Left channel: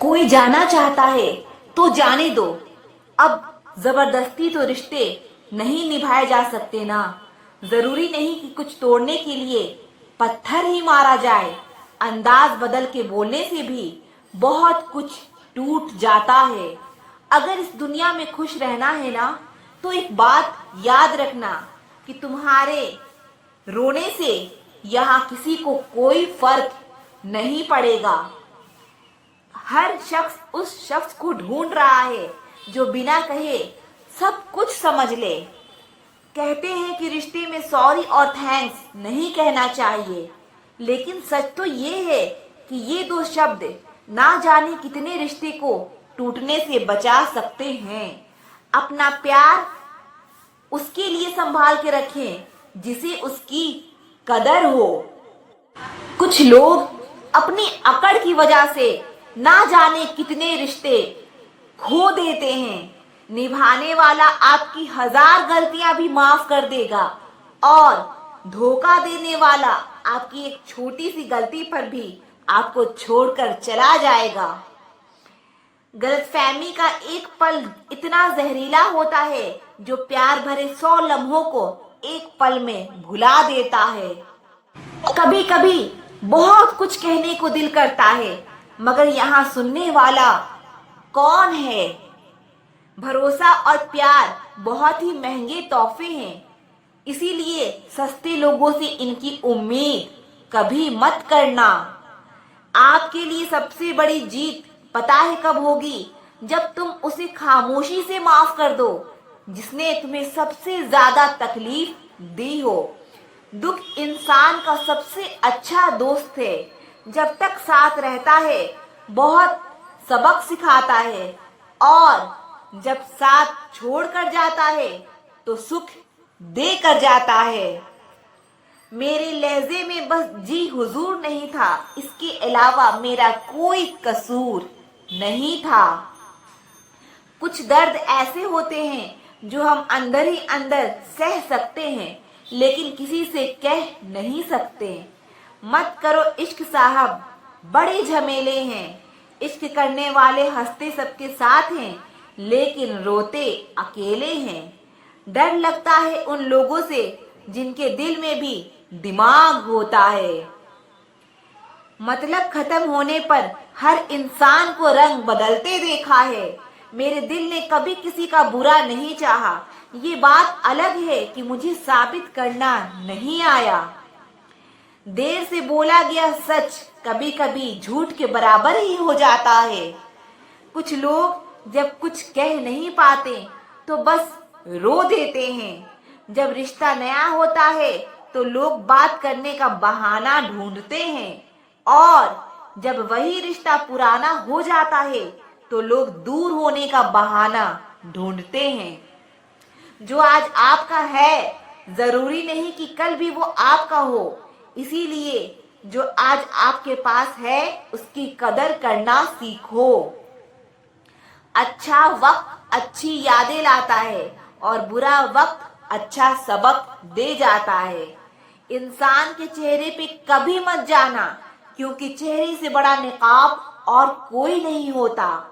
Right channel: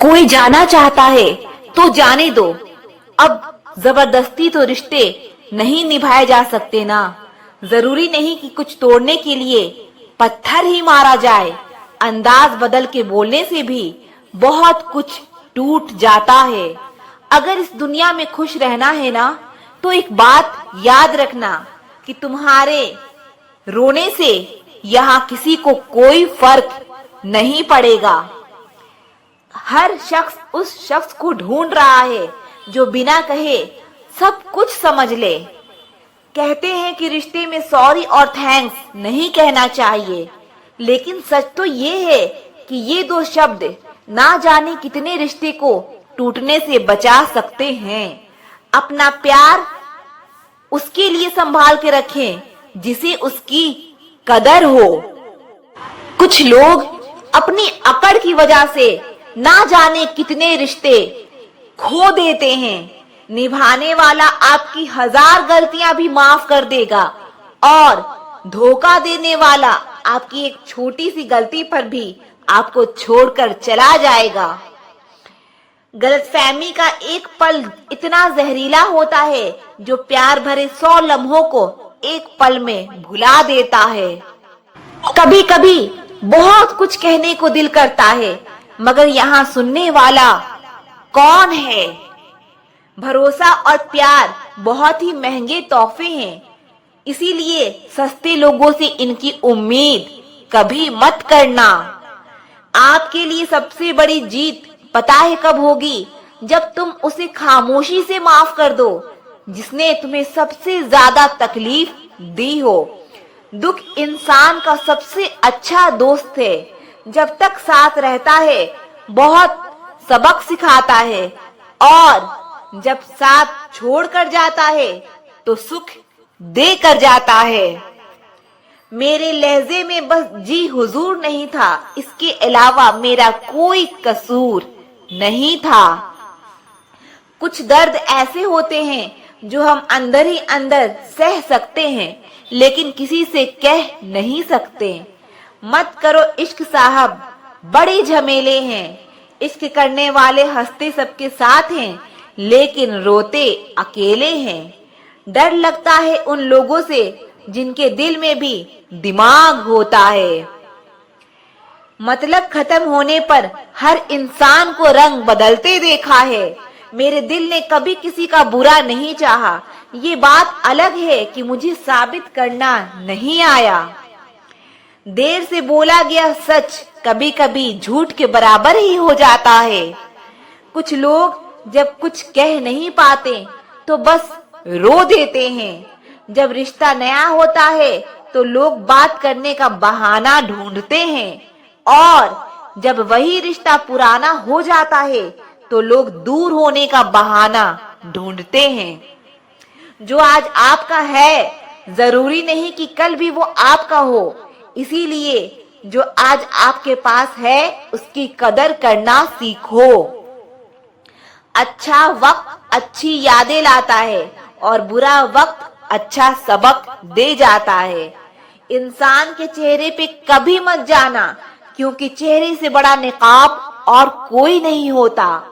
कोई जाना चाहता है तो जाने दो। अब जबरदस्ती तो रिश्ते नहीं निभाए जा सकते ना। जरूरी नहीं कि कुछ तोड़ने के लिए पत्थर ही मारा जाए। अंदाज बदल के बोलने से भी बहुत कुछ टूट जाता है। अगर इस दुनिया में खुश रहना है ना, तो एक बात याद रखना कि तुम्हारे रोने से यहाँ किसी को कोई फर्क नहीं पड़ेगा। हर शख्स उस शख्स को ढूंढ रहा है जो बिना कहे सब कुछ समझ ले। कहते हैं कि रिश्ते में सॉरी और थैंक्स नहीं कहना चाहिए, लेकिन सच तो ये है कि ये दो शब्द ना जाने कितने रिश्ते को टूटने से बचा सकते हैं। अपना प्यार उसके लिए संभाल के रखें जिसे उसकी कदर हो। कुछ लोग अपनी अकड़ की वजह से ना जाने कितने रिश्ते खो देते हैं। निभाने वाला आपकी 1000 गलतियां भी माफ कर देगा और धोखा देने वाला आपकी एक छोटी सी गलती पर भी आपको छोड़कर चला जाएगा। गलतफहमी का एक पल इतना जहरीला होता है जो प्यार भरे 100 लम्हों को एक पल में भुला देता है। कभी कभी बहुत कुछ कहने को दिल करता है, मगर यहाँ सुनने वाला कौन है? भरोसा और प्यार बहुत ही महंगे तोहफे हैं, इसीलिए सस्ते लोगों से इनकी उम्मीद कभी मत करना। आपके लिए सबसे बड़ी जीत पता है कब होगी? जब तुम उसे खामोशी से माफ कर दो जिसने तुम्हें सबसे ज्यादा तकलीफ दी हो। दुख इंसान का सबसे अच्छा दोस्त है। जब तक साथ रहता है बहुत सबक सिखाता है, और जब साथ छोड़कर जाता है तो सुख दे कर जाता है। मेरे लहजे में बस जी हुजूर नहीं था, इसके अलावा मेरा कोई कसूर नहीं था। कुछ दर्द ऐसे होते हैं जो हम अंदर ही अंदर सह सकते हैं, लेकिन किसी से कह नहीं सकते। मत करो इश्क साहब, बड़े झमेले हैं। इश्क करने वाले हंसते सबके साथ हैं, लेकिन रोते अकेले हैं। डर लगता है उन लोगों से जिनके दिल में भी दिमाग होता है। मतलब खत्म होने पर हर इंसान को रंग बदलते देखा है। मेरे दिल ने कभी किसी का बुरा नहीं चाहा। ये बात अलग है कि मुझे साबित करना नहीं आया। देर से बोला गया सच कभी कभी झूठ के बराबर ही हो जाता है। कुछ लोग जब कुछ कह नहीं पाते तो बस रो देते हैं। जब रिश्ता नया होता है तो लोग बात करने का बहाना ढूंढते हैं, और जब वही रिश्ता पुराना हो जाता है तो लोग दूर होने का बहाना ढूंढते हैं। जो आज आपका है जरूरी नहीं कि कल भी वो आपका हो, इसीलिए जो आज आपके पास है उसकी कदर करना सीखो। अच्छा वक्त अच्छी यादें लाता है और बुरा वक्त अच्छा सबक दे जाता है। इंसान के चेहरे पे कभी मत जाना, क्योंकि चेहरे से बड़ा निकाब और कोई नहीं होता।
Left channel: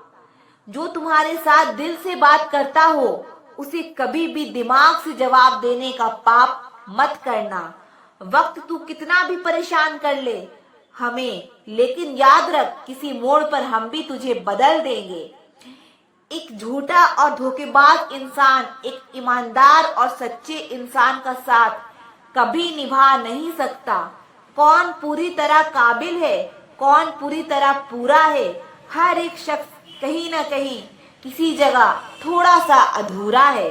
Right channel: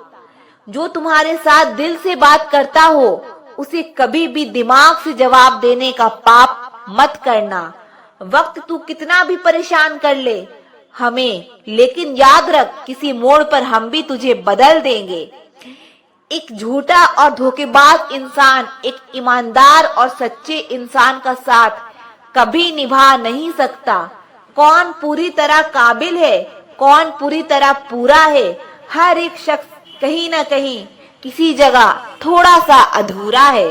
जो तुम्हारे साथ दिल से बात करता हो उसे कभी भी दिमाग से जवाब देने का पाप मत करना। वक्त तू कितना भी परेशान कर ले हमें, लेकिन याद रख किसी मोड़ पर हम भी तुझे बदल देंगे। एक झूठा और धोखेबाज इंसान एक ईमानदार और सच्चे इंसान का साथ कभी निभा नहीं सकता। कौन पूरी तरह काबिल है, कौन पूरी तरह पूरा है? हर एक शख्स कहीं ना कहीं किसी जगह थोड़ा सा अधूरा है।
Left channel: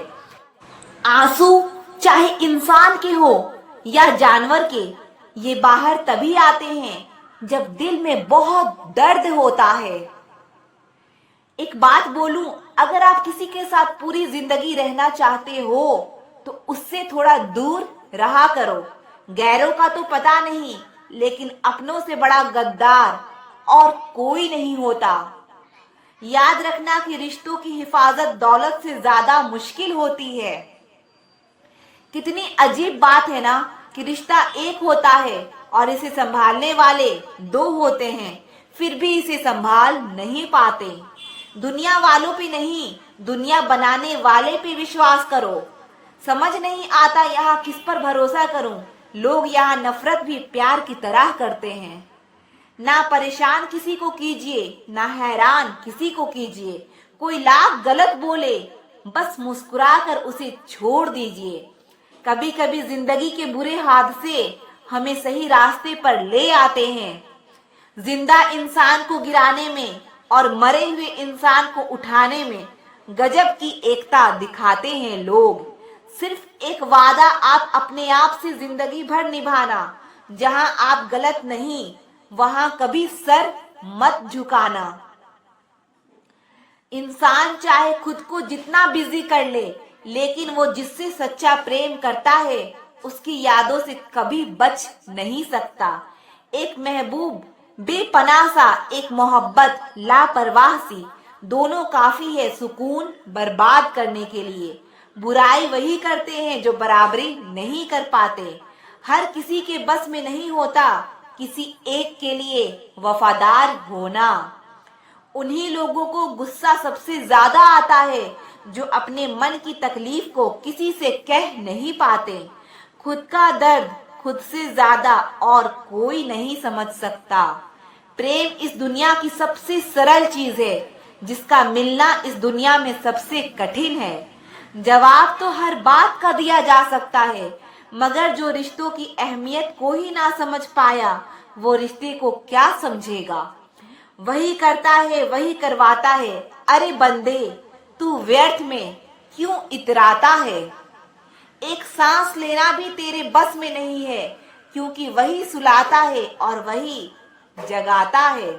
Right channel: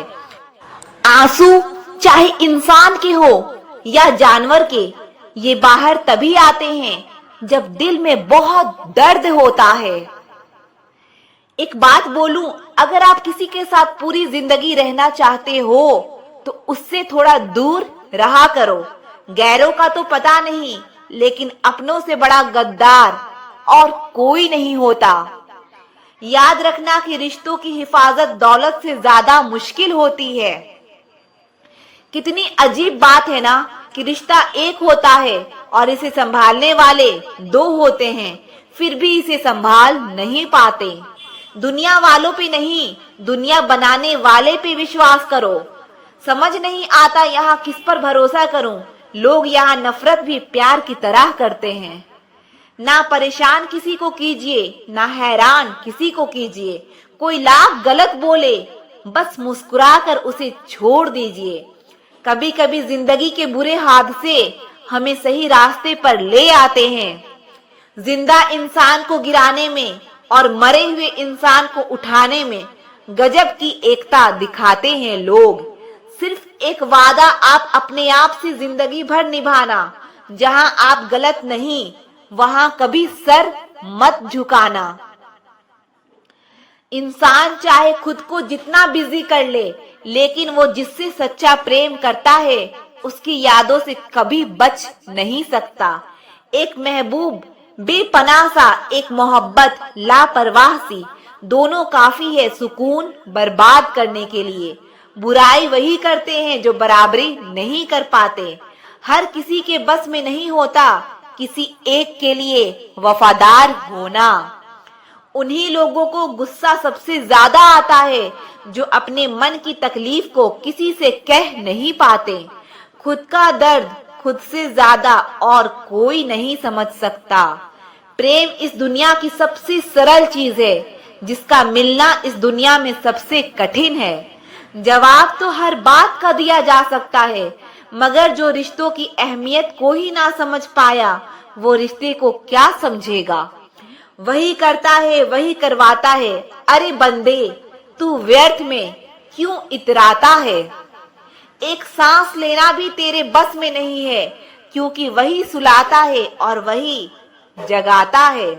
आंसू चाहे इंसान के हो या जानवर के, ये बाहर तभी आते हैं जब दिल में बहुत दर्द होता है। एक बात बोलूं, अगर आप किसी के साथ पूरी जिंदगी रहना चाहते हो तो उससे थोड़ा दूर रहा करो। गैरों का तो पता नहीं, लेकिन अपनों से बड़ा गद्दार और कोई नहीं होता। याद रखना कि रिश्तों की हिफाजत दौलत से ज्यादा मुश्किल होती है। कितनी अजीब बात है ना कि रिश्ता एक होता है और इसे संभालने वाले दो होते हैं। फिर भी इसे संभाल नहीं पाते। दुनिया वालों पे नहीं, दुनिया बनाने वाले पे विश्वास करो। समझ नहीं आता यहाँ किस पर भरोसा करूं। लोग यहाँ नफरत भी प्यार की तरह करते हैं। ना परेशान किसी को कीजिए, ना हैरान किसी को कीजिए। कोई लाख गलत बोले, बस मुस्कुराकर उसे छोड़ दीजिए। कभी कभी जिंदगी के बुरे हादसे हमें सही रास्ते पर ले आते हैं। जिंदा इंसान को गिराने में और मरे हुए इंसान को उठाने में गजब की एकता दिखाते हैं लोग। सिर्फ एक वादा आप अपने आप से जिंदगी भर निभाना, जहां आप गलत नहीं वहां कभी सर मत झुकाना। इंसान चाहे खुद को जितना बिजी कर ले, लेकिन वो जिससे सच्चा प्रेम करता है उसकी यादों से कभी बच नहीं सकता। एक महबूब बेपनाह सा, एक मोहब्बत लापरवाह सी, दोनों काफी है सुकून बर्बाद करने के लिए। बुराई वही करते हैं जो बराबरी नहीं कर पाते। हर किसी के बस में नहीं होता किसी एक के लिए वफादार होना। उन्हीं लोगों को गुस्सा सबसे ज्यादा आता है जो अपने मन की तकलीफ को किसी से कह नहीं पाते। खुद का दर्द खुद से ज्यादा और कोई नहीं समझ सकता। प्रेम इस दुनिया की सबसे सरल चीज है, जिसका मिलना इस दुनिया में सबसे कठिन है। जवाब तो हर बात का दिया जा सकता है, मगर जो रिश्तों की अहमियत को ही ना समझ पाया, वो रिश्ते को क्या समझेगा। वही करता है वही करवाता है, अरे बंदे तू व्यर्थ में क्यों इतराता है। एक सांस लेना भी तेरे बस में नहीं है, क्योंकि वही सुलाता है और वही जगाता है।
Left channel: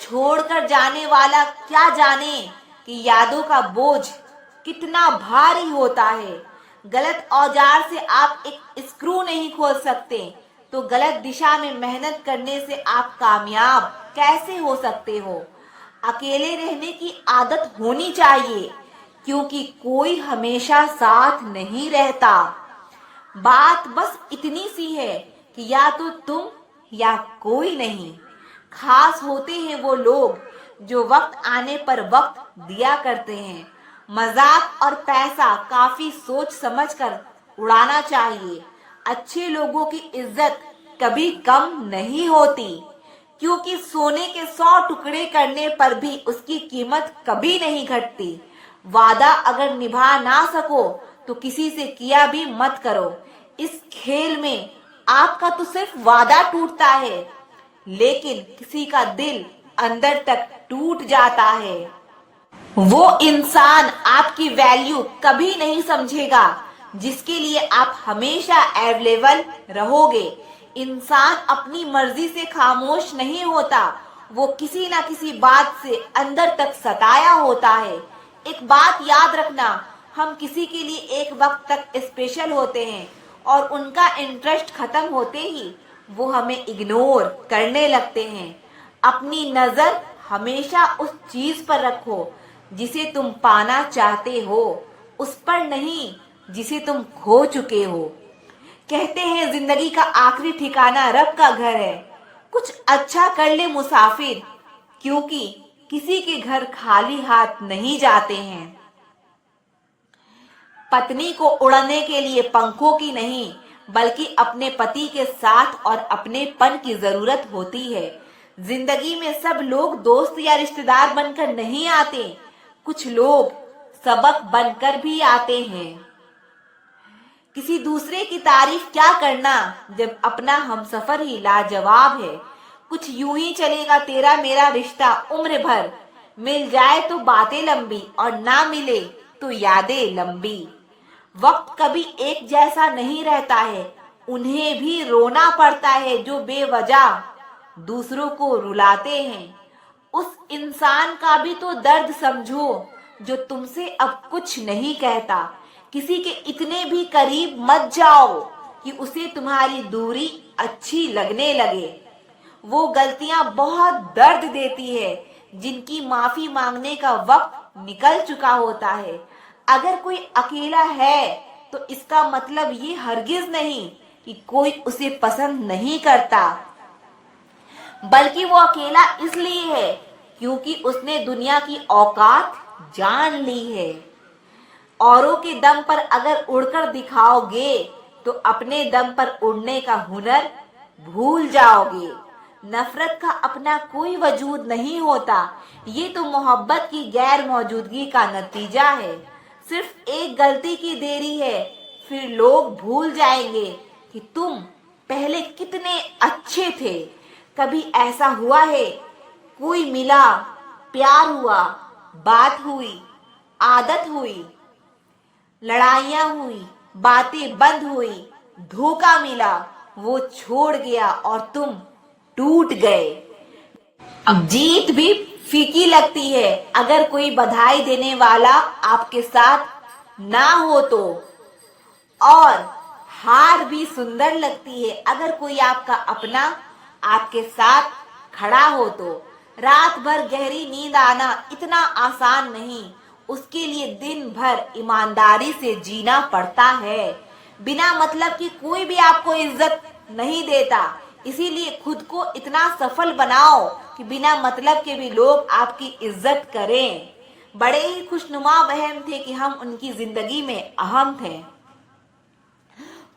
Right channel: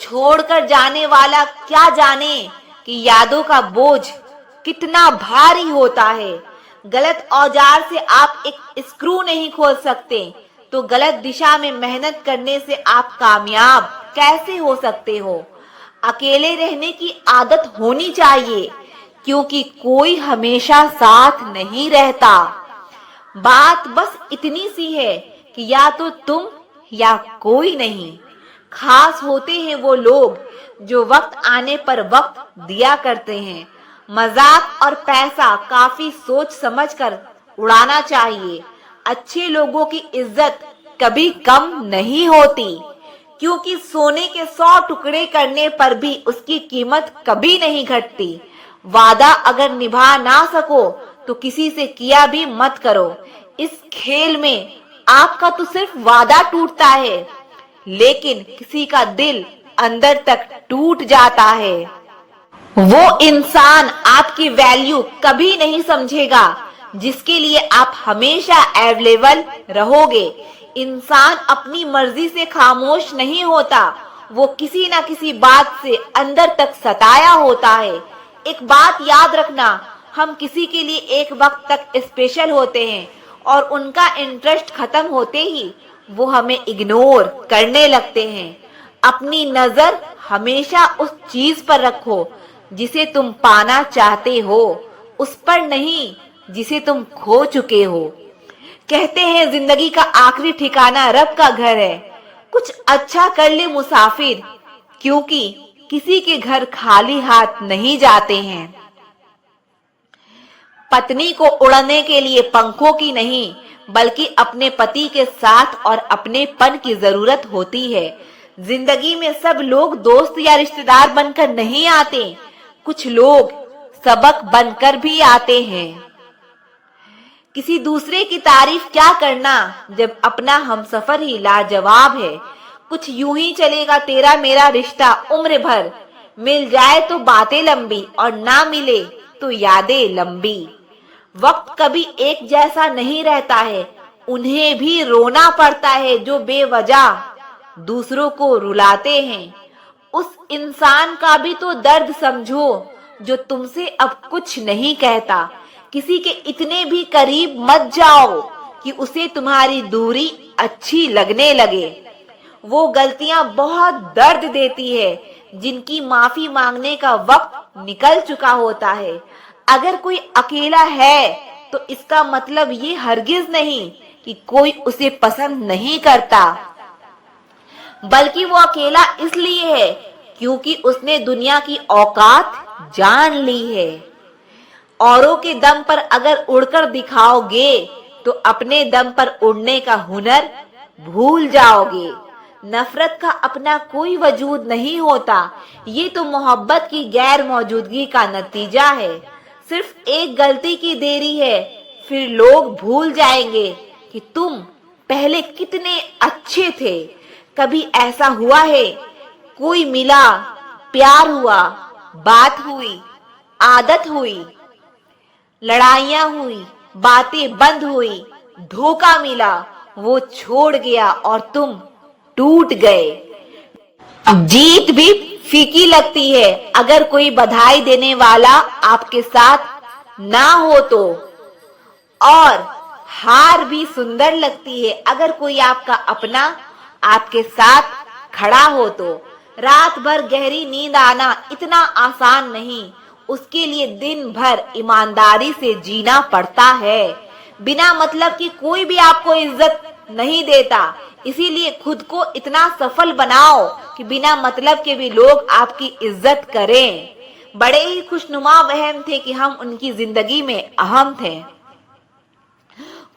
छोड़कर जाने वाला क्या जाने कि यादों का बोझ कितना भारी होता है। गलत औजार से आप एक स्क्रू नहीं खोल सकते, तो गलत दिशा में मेहनत करने से आप कामयाब कैसे हो सकते हो। अकेले रहने की आदत होनी चाहिए, क्योंकि कोई हमेशा साथ नहीं रहता। बात बस इतनी सी है कि या तो तुम या कोई नहीं। खास होते हैं वो लोग जो वक्त आने पर वक्त दिया करते हैं। मजाक और पैसा काफी सोच समझकर उड़ाना चाहिए। अच्छे लोगों की इज्जत कभी कम नहीं होती, क्योंकि सोने के 100 टुकड़े करने पर भी उसकी कीमत कभी नहीं घटती। वादा अगर निभा ना सको तो किसी से किया भी मत करो। इस खेल में आपका तो सिर्फ वादा टूटता है, लेकिन किसी का दिल अंदर तक टूट जाता है। वो इंसान आपकी वैल्यू कभी नहीं समझेगा जिसके लिए आप हमेशा अवेलेबल रहोगे। इंसान अपनी मर्जी से खामोश नहीं होता, वो किसी ना किसी बात से अंदर तक सताया होता है। एक बात याद रखना, हम किसी के लिए एक वक्त तक स्पेशल होते हैं और उनका इंटरेस्ट खत्म होते ही वो हमें इग्नोर करने लगते हैं। अपनी नजर हमेशा उस चीज पर रखो जिसे तुम पाना चाहते हो, उस पर नहीं जिसे तुम खो चुके हो। कहते हैं जिंदगी का आखिरी ठिकाना रब का घर है। कुछ अच्छा कर ले मुसाफिर, क्योंकि किसी के घर खाली हाथ नहीं जाते हैं। पत्नी को उड़ने के लिए पंखों की नहीं, बल्कि अपने पति के साथ और अपनेपन की जरूरत होती है। जिंदगी में सब लोग दोस्त या रिश्तेदार बनकर नहीं आते, कुछ लोग सबक बनकर भी आते हैं। किसी दूसरे की तारीफ क्या करना जब अपना हमसफर ही लाजवाब है। कुछ यूं ही चलेगा तेरा मेरा रिश्ता उम्र भर, मिल जाए तो बातें लंबी और ना मिले तो यादें लंबी। वक्त कभी एक जैसा नहीं रहता है, उन्हें भी रोना पड़ता है जो बेवजह दूसरों को रुलाते हैं। उस इंसान का भी तो दर्द समझो जो तुमसे अब कुछ नहीं कहता। किसी के इतने भी करीब मत जाओ कि उसे तुम्हारी दूरी अच्छी लगने लगे। वो गलतियां बहुत दर्द देती है जिनकी माफी मांगने का वक्त निकल चुका होता है। अगर कोई अकेला है तो इसका मतलब ये हरगिज नहीं कि कोई उसे पसंद नहीं करता। बल्कि वो अकेला इसलिए है क्योंकि उसने दुनिया की औकात जान ली है। औरों के दम पर अगर उड़कर दिखाओगे तो अपने दम पर उड़ने का हुनर भूल जाओगे। नफरत का अपना कोई वजूद नहीं होता, ये तो मोहब्बत की गैर मौजूदगी का नतीजा है। सिर्फ एक गलती की देरी है, फिर लोग भूल जाएंगे कि तुम पहले कितने अच्छे थे। कभी ऐसा हुआ है, कोई मिला, प्यार हुआ, बात हुई, आदत हुई, लड़ाइयां हुई, बातें बंद हुई, धोखा मिला, वो छोड़ गया और तुम टूट गए। जीत भी फीकी लगती है अगर कोई बधाई देने वाला आपके साथ ना हो तो, और हार भी सुंदर लगती है अगर कोई आपका अपना आपके साथ खड़ा हो तो। रात भर गहरी नींद आना इतना आसान नहीं, उसके लिए दिन भर ईमानदारी से जीना पड़ता है। बिना मतलब की कोई भी आपको इज्जत नहीं देता, इसीलिए खुद को इतना सफल बनाओ कि बिना मतलब के भी लोग आपकी इज्जत करें। बड़े ही खुशनुमा वहम थे कि हम उनकी जिंदगी में अहम थे।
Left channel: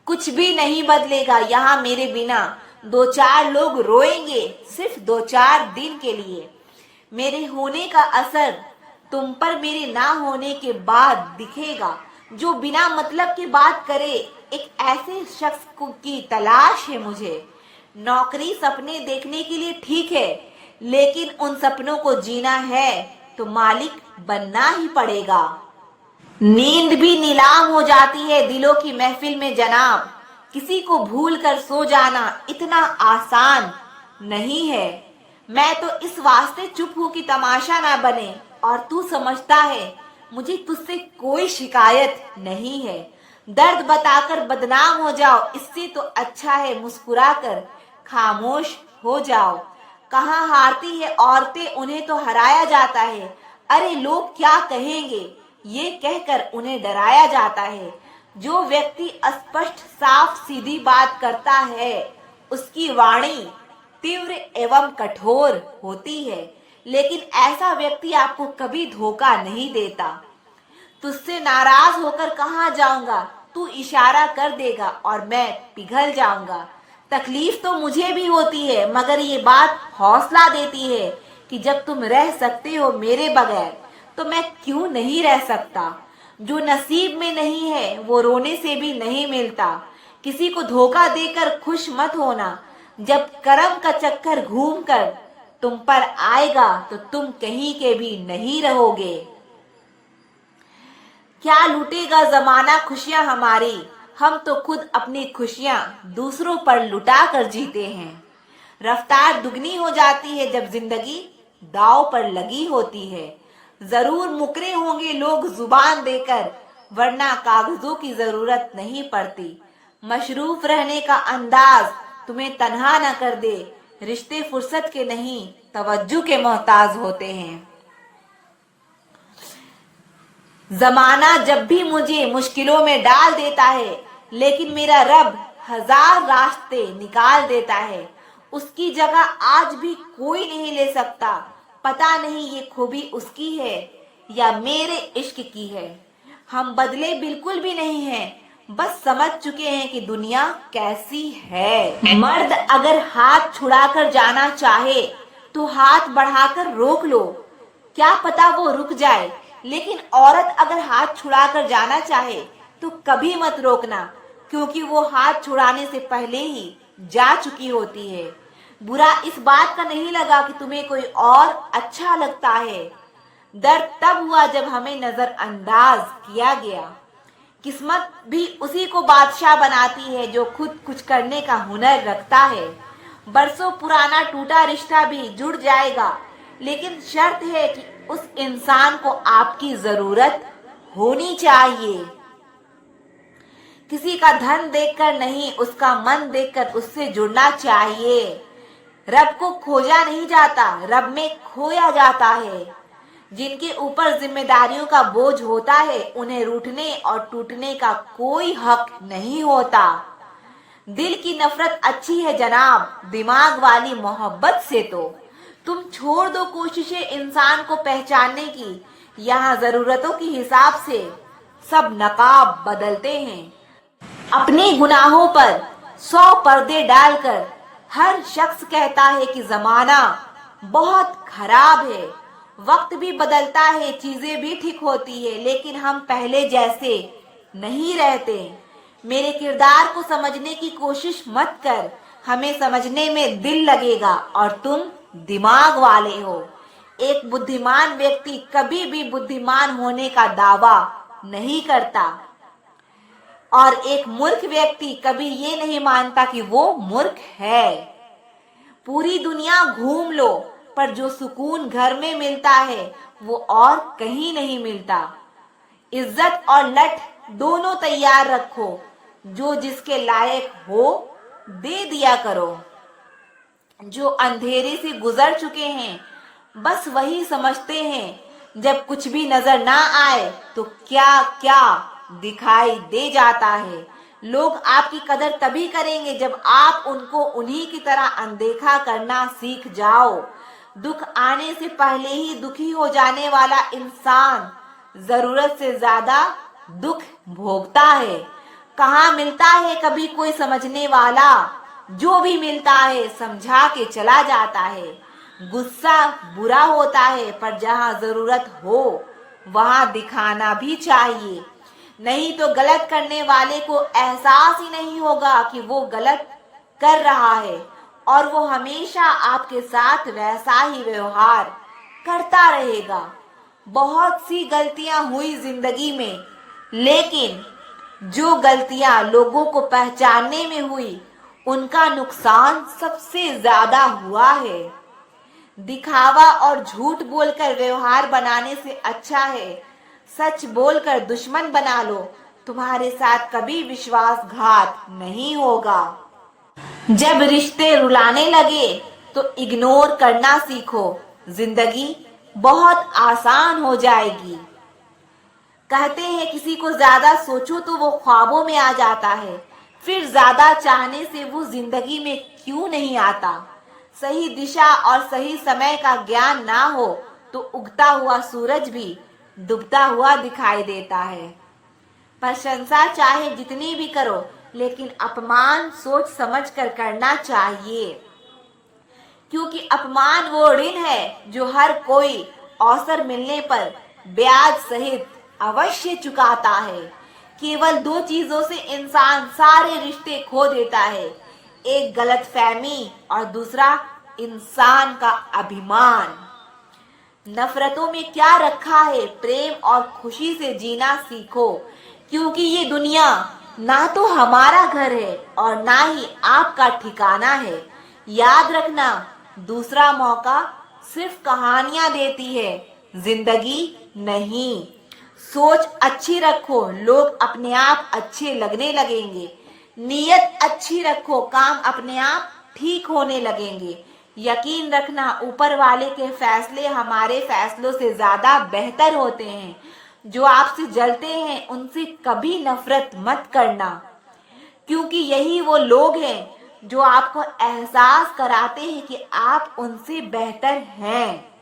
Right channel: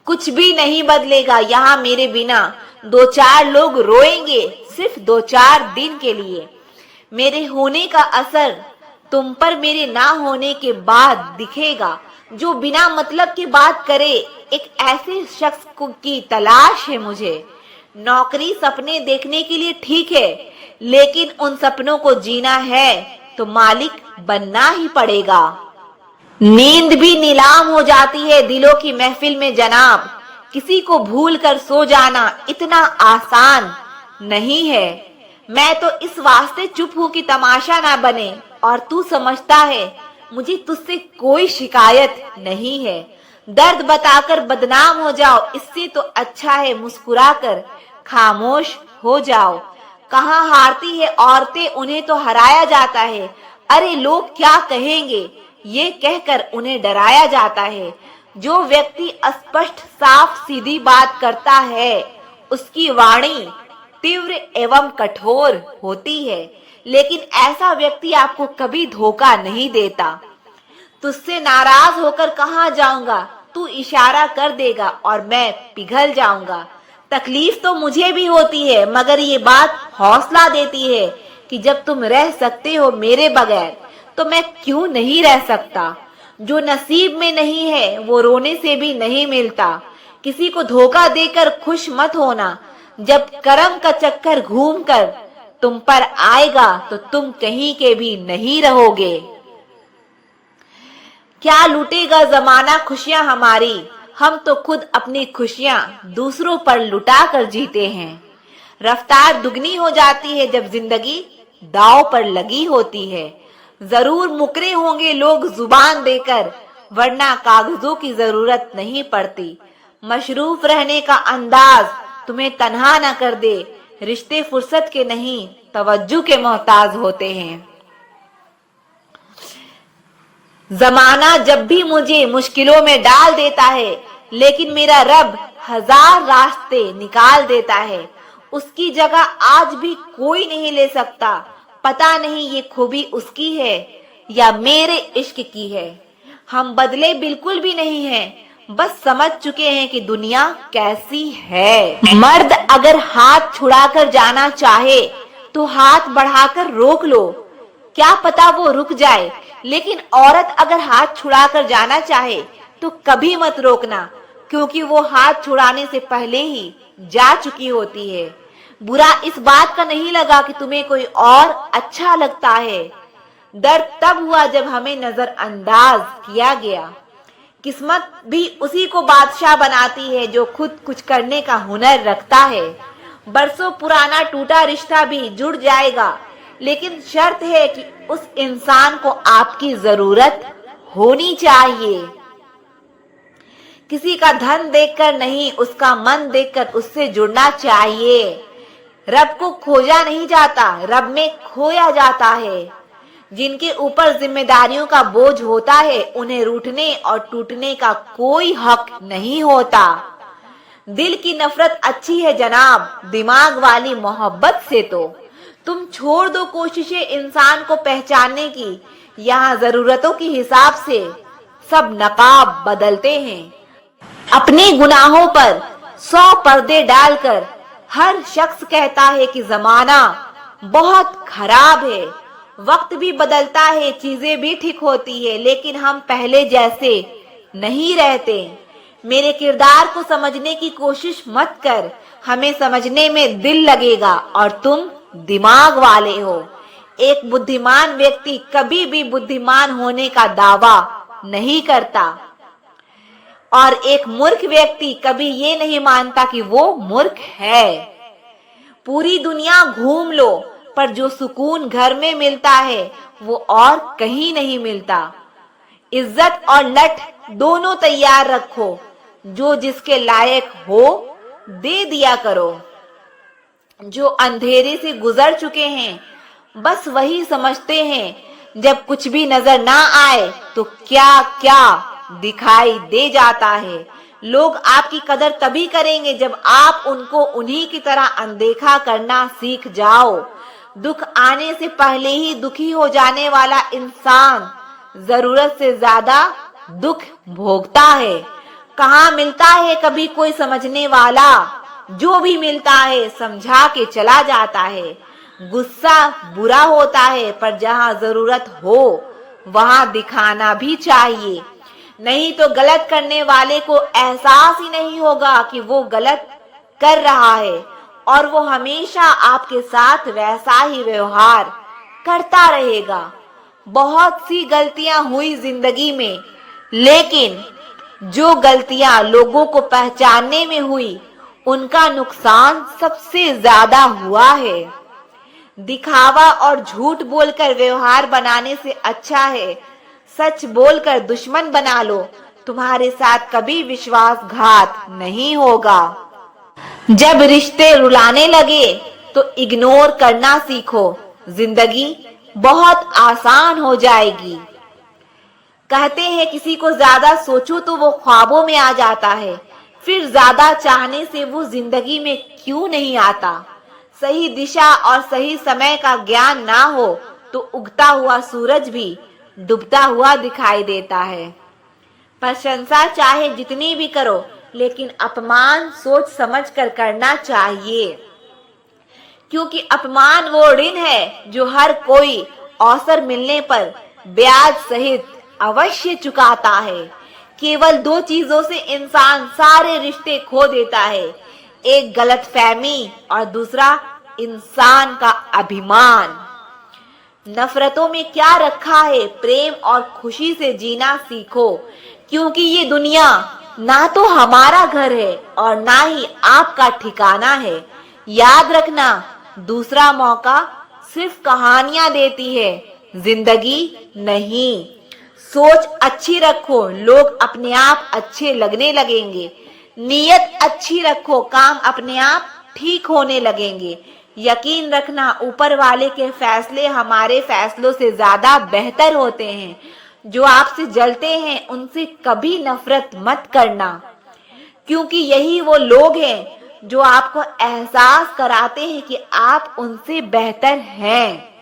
कुछ भी नहीं बदलेगा यहाँ मेरे बिना, दो चार लोग रोएंगे सिर्फ 2-4 दिन के लिए। मेरे होने का असर तुम पर मेरे ना होने के बाद दिखेगा। जो बिना मतलब की बात करे, एक ऐसे शख्स की तलाश है मुझे। नौकरी सपने देखने के लिए ठीक है, लेकिन उन सपनों को जीना है तो मालिक बनना ही पड़ेगा। नींद भी नीलाम हो जाती है दिलों की महफिल में जनाब। किसी को भूल कर सो जाना इतना आसान नहीं है। मैं तो इस वास्ते चुप हूँ कि तमाशा ना बने, और तू समझता है मुझे तुझसे कोई शिकायत नहीं है। दर्द बताकर बदनाम हो जाओ, इससे तो अच्छा है मुस्कुराकर खामोश हो जाओ। कहाँ हारती है औरतें, उन्हें तो हराया जाता है। अरे लोग क्या कहेंगे, ये कहकर उन्हें डराया जाता है। जो व्यक्ति स्पष्ट साफ सीधी बात करता है, उसकी वाणी तीव्र एवं कठोर होती है, लेकिन ऐसा व्यक्ति आपको कभी धोखा नहीं देता। तुझसे नाराज होकर कहाँ जाऊंगा, तू इशारा कर देगा और मैं पिघल जाऊंगा। तकलीफ तो मुझे भी होती है, मगर ये बात हौसला देती है कि जब तुम रह सकते हो मेरे बगैर, तो मैं क्यों नहीं रह सकता। जो नसीब में नहीं है वो रोने से भी नहीं मिलता। किसी को धोखा देकर खुश मत होना। जब करम का चक्कर घूमकर तुम पर आएगा तो तुम कहीं के भी नहीं रहोगे। क्या लूटेगा जमाना खुशियां हमारी, हम तो खुद अपनी खुशियां दूसरों पर लुटा कर जीते हैं। रफ्तार दुगनी हो जाती है जब जिंदगी दांव पर लगी होती है। जरूर मुकरे होंगे लोग जुबान देकर, वरना कागजों की जरूरत नहीं पड़ती। मशरूफ रहने का अंदाज तुम्हें तन्हा न कर दे। रिश्ते फुर्सत के नहीं, तवज्जो के मोहताज होते हैं। जमाना जब भी मुझे मुश्किलों में डाल देता है, लेकिन मेरा रब 1000 रास्ते निकाल देता है। उसकी जगह आज भी कोई नहीं ले सकता। पता नहीं ये खूबी उसकी है या मेरे इश्क की है। हम बदले बिल्कुल भी नहीं हैं, बस समझ चुके हैं कि दुनिया कैसी है। मर्द अगर हाथ छुड़ाकर जाना चाहे तो हाथ बढ़ाकर रोक लो, क्या पता वो रुक जाए। लेकिन औरत अगर हाथ छुड़ाकर जाना चाहे तो कभी मत रोकना, क्योंकि वो हाथ छुड़ाने से पहले ही जा चुकी होती है। बुरा इस बात का नहीं लगा कि तुम्हें कोई और अच्छा लगता है। दर्द तब हुआ जब हमें नजरअंदाज किया गया। किस्मत भी उसी को बादशाह बनाती है जो खुद कुछ करने का हुनर रखता है। बरसों पुराना टूटा रिश्ता भी जुड़ जाएगा, लेकिन शर्त है कि उस इंसान को आपकी जरूरत होनी चाहिए। किसी का धन देखकर नहीं, उसका मन देखकर उससे जुड़ना चाहिए। रब को खोजा नहीं जाता, रब में खोया जाता है। जिनके ऊपर जिम्मेदारियों का बोझ होता है, उन्हें रूठने और टूटने का कोई हक नहीं होता। दिल की नफरत अच्छी है जनाब, दिमाग वाली मोहब्बत से तो। तुम छोड़ दो कोशिशें इंसान को पहचानने की, यहाँ जरूरतों के हिसाब से सब नकाब बदलते हैं। अपने गुनाहों पर 100 पर्दे डालकर हर शख्स कहता है कि जमाना बहुत खराब है। वक्त भी बदलता है, चीजें भी ठीक होती है, लेकिन हम पहले जैसे नहीं रहते। मेरे किरदार को समझने की कोशिश मत कर, हमें समझने में दिल लगेगा और तुम दिमाग वाले हो। एक बुद्धिमान व्यक्ति कभी भी बुद्धिमान होने का दावा नहीं करता और एक मूर्ख व्यक्ति कभी ये नहीं मानता कि वो मूर्ख है। पूरी दुनिया घूम लो, पर जो सुकून घर में मिलता है वो और कहीं नहीं मिलता। इज्जत और लठ दोनों तैयार रखो, जो जिसके लायक हो दे दिया करो। जो अंधेरे से गुजर चुके हैं बस वही समझते हैं, जब कुछ भी नजर ना आए तो क्या क्या दिखाई दे जाता है। लोग आपकी कदर तभी करेंगे जब आप उनको उन्हीं की तरह अनदेखा करना सीख जाओ। दुख आने से पहले ही दुखी हो जाने वाला इंसान जरूरत से ज्यादा दुख भोगता है। कहाँ मिलता है कभी कोई समझने वाला, जो भी मिलता है समझा के चला जाता है। गुस्सा बुरा होता है, पर जहाँ जरूरत हो वहाँ दिखाना भी चाहिए, नहीं तो गलत करने वाले को एहसास ही नहीं होगा कि वो गलत कर रहा है और वो हमेशा आपके साथ वैसा ही व्यवहार करता रहेगा। बहुत सी गलतियां हुई जिंदगी में, लेकिन जो गलतियां लोगों को पहचानने में हुई उनका नुकसान सबसे ज्यादा हुआ है। दिखावा और झूठ बोलकर व्यवहार बनाने से अच्छा है सच बोलकर दुश्मन बना लो, तुम्हारे साथ कभी विश्वासघात नहीं होगा। जब रिश्ते रुलाने लगे तो इग्नोर करना सीखो, जिंदगी बहुत आसान हो जाएगी। कहते हैं किसी को ज्यादा सोचो तो वो ख्वाबों में आ जाता है, फिर ज्यादा चाहने से वो जिंदगी में क्यों नहीं आता। सही दिशा और सही समय का ज्ञान ना हो तो उगता हुआ सूरज भी डूबता हुआ दिखाई देता है। प्रशंसा चाहे जितनी भी करो, लेकिन अपमान सोच समझ कर करना चाहिए, क्योंकि अपमान वो ऋण है जो हर कोई अवसर मिलने पर ब्याज सहित अवश्य चुकाता है। केवल 2 चीजों से इंसान सारे रिश्ते खो देता है, एक गलतफहमी और दूसरा इंसान का अभिमान। नफरतों में क्या रखा है, प्रेम और खुशी से जीना सीखो, क्योंकि ये दुनिया ना तो हमारा घर है और ना ही आपका ठिकाना है। याद रखना, दूसरा मौका सिर्फ कहानियां देती है, जिंदगी नहीं। सोच अच्छी रखो, लोग अपने आप अच्छे लगने लगेंगे। नीयत अच्छी रखो, काम अपने आप ठीक होने लगेंगे। यकीन रखना, ऊपर वाले के फैसले हमारे फैसलों से ज्यादा बेहतर होते हैं। जो आपसे जलते हैं उनसे कभी नफरत मत करना, क्योंकि यही वो लोग हैं जो आपको एहसास कराते हैं कि आप उनसे बेहतर हैं।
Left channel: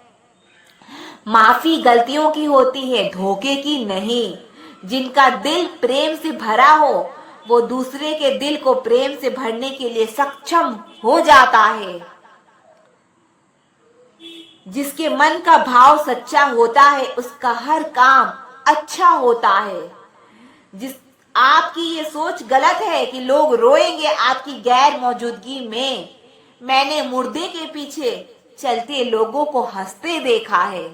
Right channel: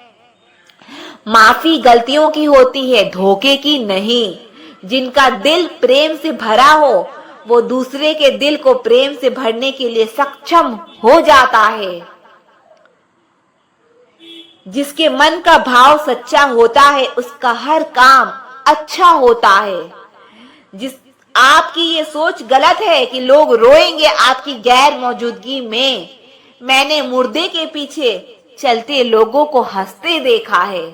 माफी गलतियों की होती है, धोखे की नहीं। जिनका दिल प्रेम से भरा हो वो दूसरे के दिल को प्रेम से भरने के लिए सक्षम हो जाता है। जिसके मन का भाव सच्चा होता है उसका हर काम अच्छा होता है। जिस आपकी ये सोच गलत है कि लोग रोएंगे आपकी गैर मौजूदगी में। मैंने मुर्दे के पीछे चलते लोगों को हंसते देखा है।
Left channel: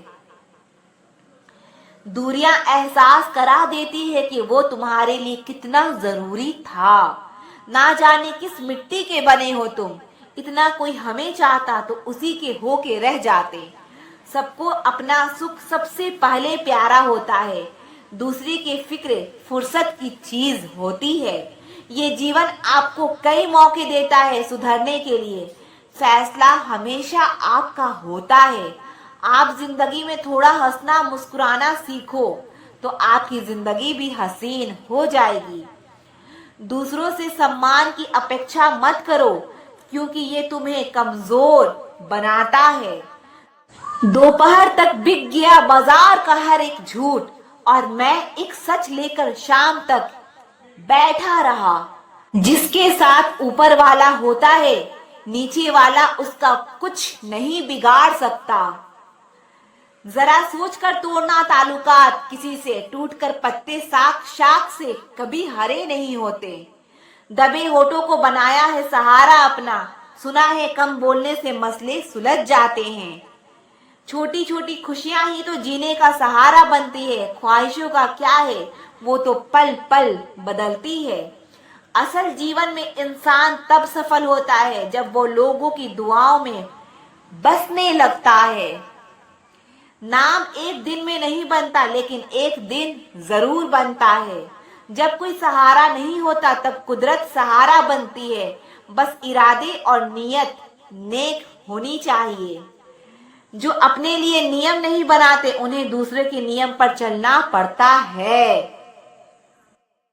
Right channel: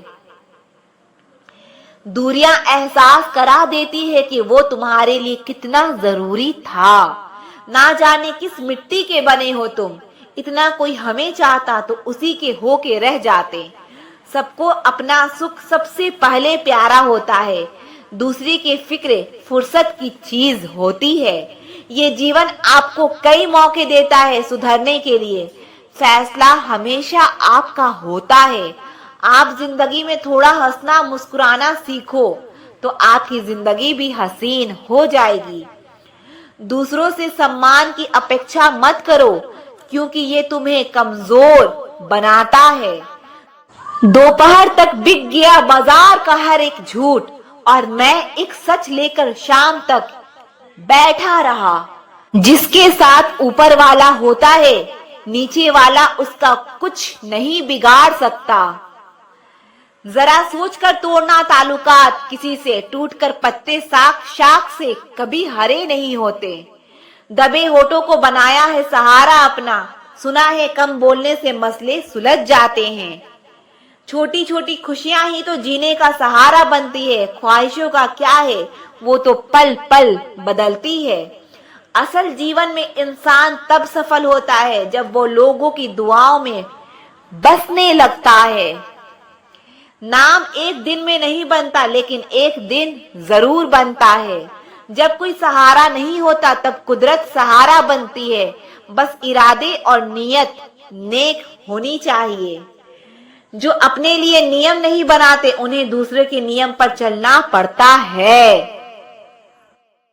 दूरियां एहसास करा देती है कि वो तुम्हारे लिए कितना जरूरी था। ना जाने किस मिट्टी के बने हो तुम, इतना कोई हमें चाहता तो उसी के हो के रह जाते। सबको अपना सुख सबसे पहले प्यारा होता है, दूसरी की फिक्र फुर्सत की चीज होती है। ये जीवन आपको कई मौके देता है सुधरने के लिए, फैसला हमेशा आपका होता है। आप जिंदगी में थोड़ा हंसना मुस्कुराना सीखो तो आपकी जिंदगी भी हसीन हो जाएगी। दूसरों से सम्मान की अपेक्षा मत करो, क्योंकि ये तुम्हें कमजोर बनाता है। दोपहर तक बिक गया बाजार का हर एक झूठ, और मैं एक सच लेकर शाम तक बैठा रहा। जिसके साथ ऊपर वाला होता है, नीचे वाला उसका कुछ नहीं बिगाड़ सकता। जरा सोचकर तोड़ना ताल्लुकात किसी से, टूटकर पत्ते शाख शाख से कभी हरे नहीं होते। दबे होठों को बनाया है सहारा अपना, सुना है कम बोलने से मसले सुलझ जाते हैं। छोटी छोटी खुशियां ही तो जीने का सहारा बनती है, ख्वाहिशों का क्या है, वो तो पल पल बदलती है। असल जीवन में इंसान तब सफल होता है जब वो लोगों की दुआओं में बसने लगता है। नाम एक दिन में नहीं बनता, लेकिन एक दिन जरूर बनता है। जब कोई सहारा नहीं होता तब कुदरत सहारा बनती है। बस इरादे और नीयत नेक होनी चाहिए। जो अपने लिए नियम नहीं बनाते, उन्हें दूसरे के नियम पर चलना पड़ता है।